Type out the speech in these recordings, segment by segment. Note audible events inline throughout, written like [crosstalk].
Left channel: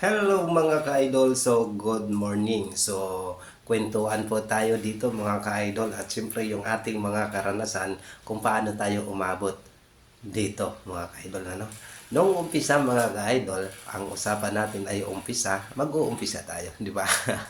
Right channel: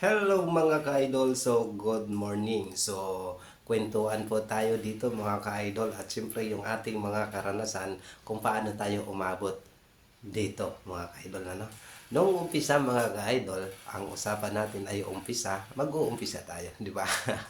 Hello mga ka-idol, so good morning. So, kwentuhan po tayo dito mga ka-idol at siyempre yung ating mga karanasan kung paano tayo umabot dito mga ka-idol. Ano? Noong umpisa mga ka-idol, ang usapan natin ay umpisa, mag-uumpisa tayo, di ba?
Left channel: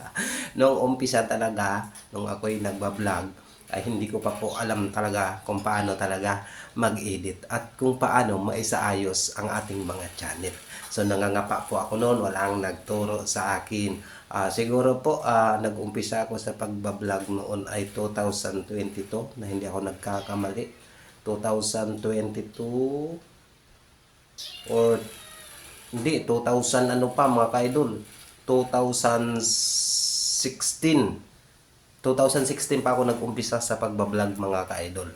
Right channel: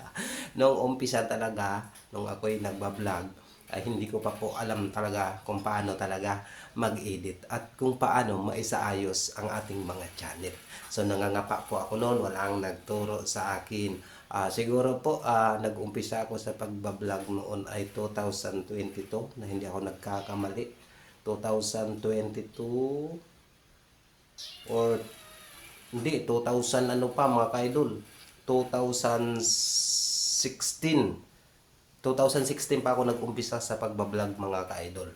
[laughs] Noong umpisa talaga, nung ako'y nagbablog, ay hindi ko pa po alam talaga kung paano talaga mag-edit at kung paano maisaayos ang ating mga channel. So nangangapa po ako noon, walang nagturo sa akin. Ah, siguro po ah, nag-umpisa ako sa pagbablog noon ay 2022 na hindi ako nagkakamali. 2022 or hindi 2000 ano pa mga ka-idol 2016 2016 pa ako nag-umpisa sa pagbablog mga ka-idol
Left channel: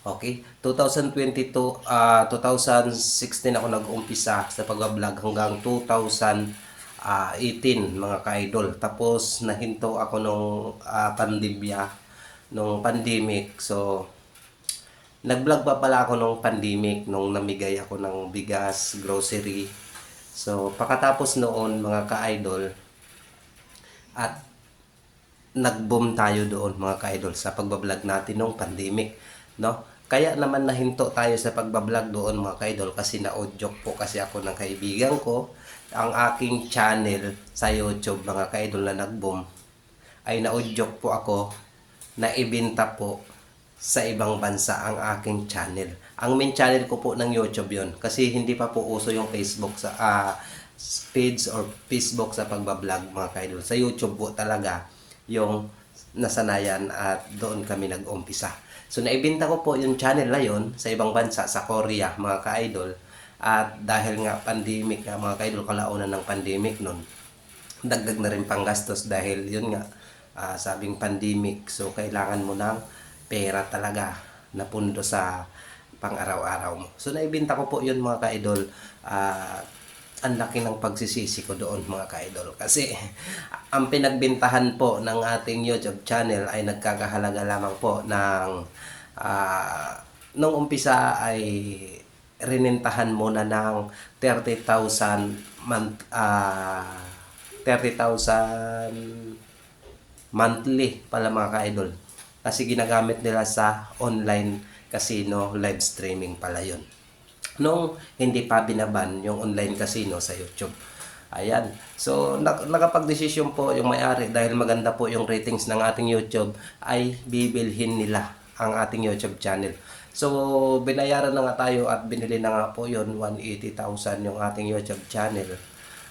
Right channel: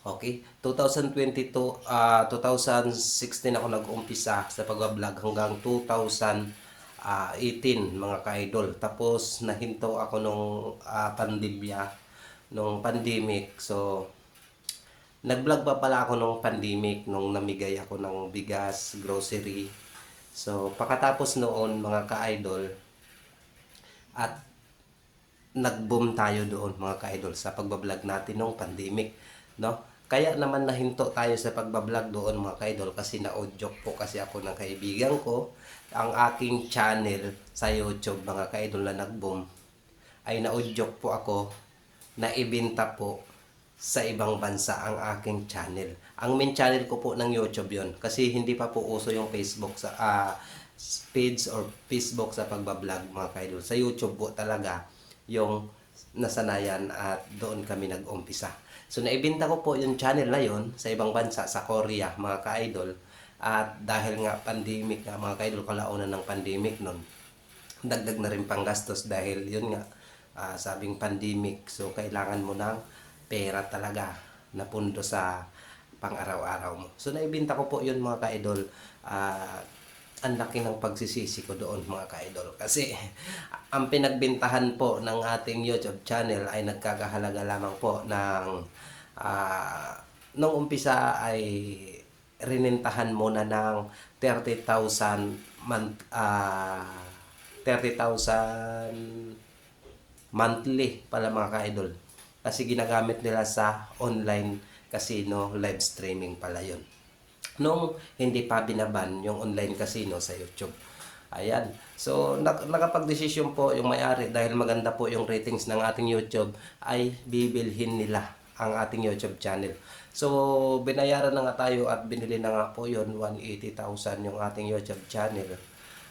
Okay, 2022 ah 2016 ako nag-umpisa sa pagbablog hanggang 2018 mga ka-idol. Tapos nahinto ako nung ah, pandemya, nung pandemic. So nag-vlog pa pala ako nung pandemic nung namigay ako ng bigas, grocery. So pagkatapos noon mga ka-idol at nag-boom tayo doon mga ka-idol sa pagbablog natin nung pandemic no kaya naman nahinto tayo sa pagbablog doon mga ka-idol kasi na-audio po kasi ako ng kaibigan ko ang aking channel sa YouTube mga ka-idol na nag-boom ay na-audio po ako na ibenta po sa ibang bansa ang aking channel. Ang main channel ko po ng YouTube yon kasi hindi pa po uso yung Facebook sa ah, page or Facebook sa pagbablog mga ka-idol. Sa YouTube po talaga yung nasanayan at doon kami nag-umpisa. So naibenta ko po yung channel na yon sa ibang bansa, sa Korea mga ka-idol. At dahil nga pandemic nga mga ka-idol, kalaunan ng pandemic nun, dagdag na rin panggastos dahil yun nga, ah, sabing pandemic. So kailangan mo ng pera talaga na pundo sa pang-araw-araw mo. So naibenta ko po yun mga ka-idol. Ah, ang laki ng pagsisisi ko doon mga ka-idol. Kasi ang pinagbintahan po ng ating YouTube channel ay nagkakahalaga lamang po ng ah, nung umpisa ay rinentahan muna ng 30,000 month ah 30,000 monthly pala mga ka-idol. Kasi ginagamit nila sa online casino live streaming pala yun. Nung hindi pa binaban yung online casino sa YouTube. Ayan. So, nak- nakapag-desisyon po yung may-ari dahil maganda po yung ratings ng ating YouTube ay bibilhin nila ang ating YouTube channel. So, binayaran na nga tayo at binili na nga po yun, 180,000 yung ating YouTube channel.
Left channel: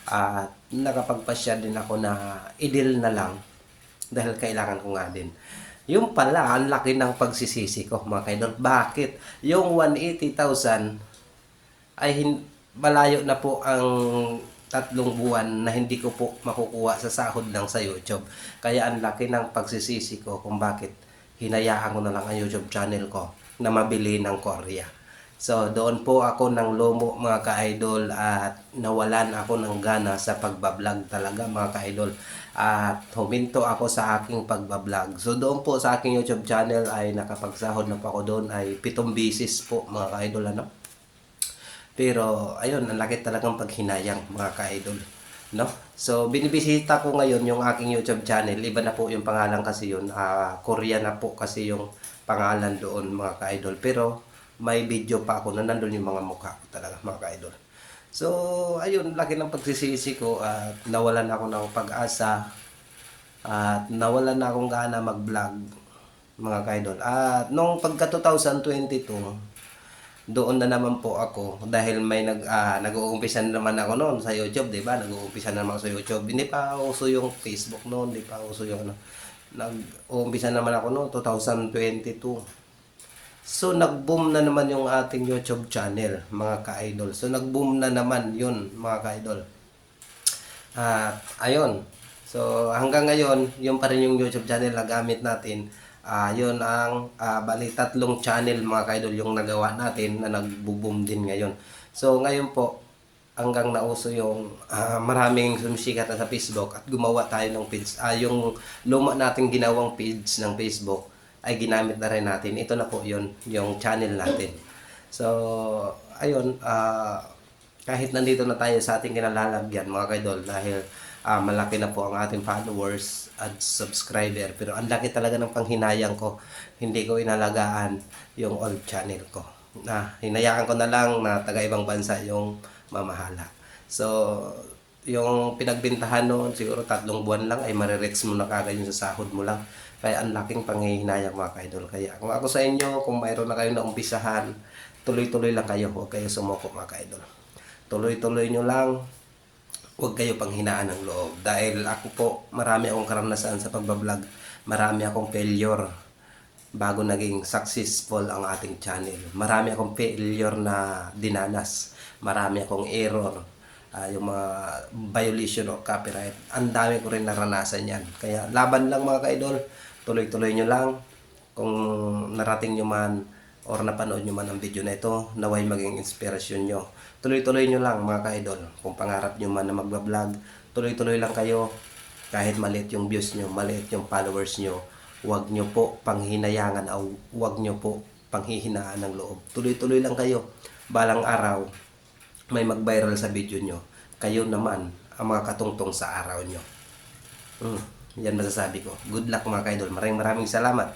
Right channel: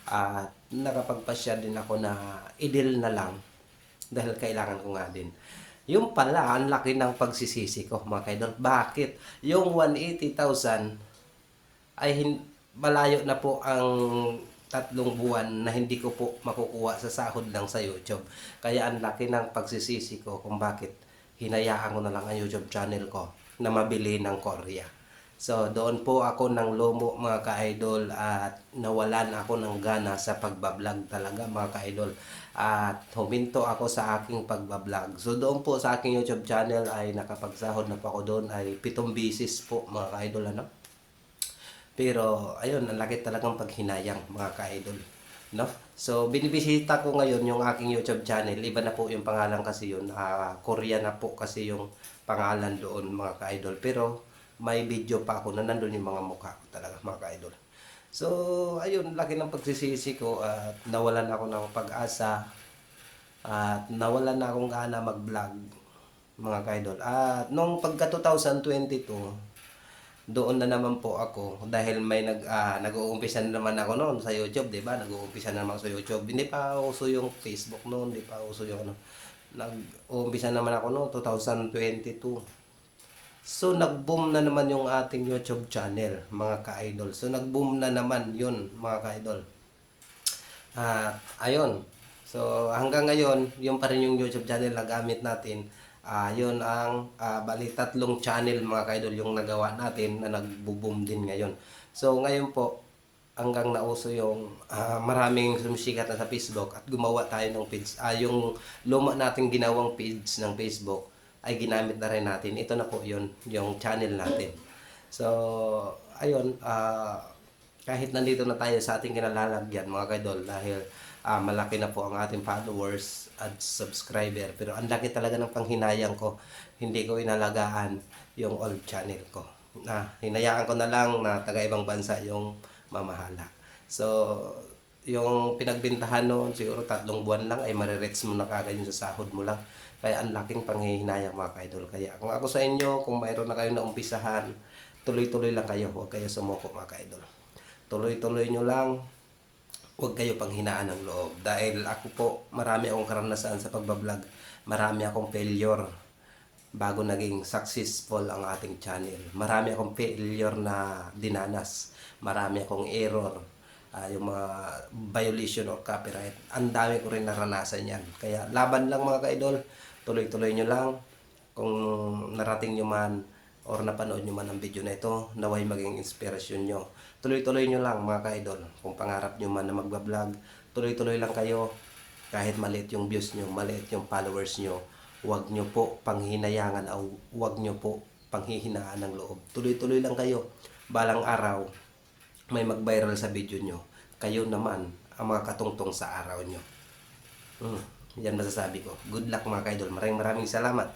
At nakapagpasya din ako na i-deal na lang dahil kailangan ko nga din. Yung pala, ang laki ng pagsisisi ko mga kaidol. Bakit? Yung 180,000 ay malayo na po ang tatlong buwan na hindi ko po makukuha sa sahod ng sa YouTube. Kaya ang laki ng pagsisisi ko kung bakit hinayaan ko na lang ang YouTube channel ko na mabili ng Korea. So doon po ako ng lomo mga ka-idol at nawalan ako ng gana sa pagbablog talaga mga ka-idol. At huminto ako sa aking pagbablog. So doon po sa aking YouTube channel ay nakapagsahod na po ako doon ay pitong bisis po mga ka-idol ano. Pero ayun, ang laki talagang paghinayang mga ka-idol. No? So binibisita ko ngayon yung aking YouTube channel. Iba na po yung pangalan kasi yun. Ah, Korea na po kasi yung pangalan doon mga ka-idol. Pero may video pa ako na nandun yung mga mukha ko talaga mga ka-idol. So ayun, laki ng pagsisisi ko at nawalan ako ng pag-asa at nawalan na akong gana mag-vlog mga ka-idol. At nung pagka 2022, doon na naman po ako dahil may nag ah, nag-uumpisa na naman ako noon sa YouTube, 'di ba? Nag-uumpisa na naman sa YouTube. Hindi pa uso yung Facebook noon, hindi pa uso yung ano. Nag-uumpisa naman ako noon 2022. So nag-boom na naman yung ating YouTube channel, mga ka-idol. So nag-boom na naman 'yun, mga ka-idol. At ayun. So hanggang ngayon, yung pa rin yung YouTube channel na gamit natin. Ah, yun ang ah, bali tatlong channel mga kaidol yung nagawa natin na nagbo-boom din ngayon. So ngayon po hanggang nauso yung ah, maraming sumisikat na sa Facebook at gumawa tayo ng page. Ah, yung luma nating ginawang page ng Facebook ay ginamit na rin natin. Ito na po yun, yung channel natin. So, ayun, ah, kahit nandito na tayo sa ating kinalalagyan mga kaidol dahil ah, malaki na po ang ating followers at subscriber. Pero ang laki talaga ng panghinayang ko. Hindi ko inalagaan yung old channel ko. Na hinayaan ko na lang na taga ibang bansa yung mamahala. So yung pinagbintahan noon siguro tatlong buwan lang ay marirex mo na kagad yung sa sahod mo lang. Kaya ang laking panghihinayang mga kaidol. Kaya kung ako sa inyo kung mayroon na kayo na umpisahan tuloy-tuloy lang kayo. Huwag kayo sumuko mga kaidol. Tuloy-tuloy nyo lang huwag kayo panghinaan ng loob. Dahil ako po marami akong karanasan sa pagbablog. Marami akong failure bago naging successful ang ating channel. Marami akong failure na dinanas. Marami akong error. Ah, yung mga violation of copyright. Ang dami ko rin naranasan yan. Kaya laban lang mga kaidol. Tuloy-tuloy nyo lang. Kung narating nyo man or napanood nyo man ang video na ito naway maging inspirasyon nyo tuloy-tuloy nyo lang mga ka-idol kung pangarap nyo man na magbablog tuloy-tuloy lang kayo kahit maliit yung views nyo maliit yung followers nyo huwag nyo po panghinayangan o huwag nyo po panghihinaan ng loob tuloy-tuloy lang kayo balang araw may mag-viral sa video nyo kayo naman ang mga katungtong sa araw nyo Hmm, yan masasabi ko. Good luck mga kaidol. Maraming maraming salamat.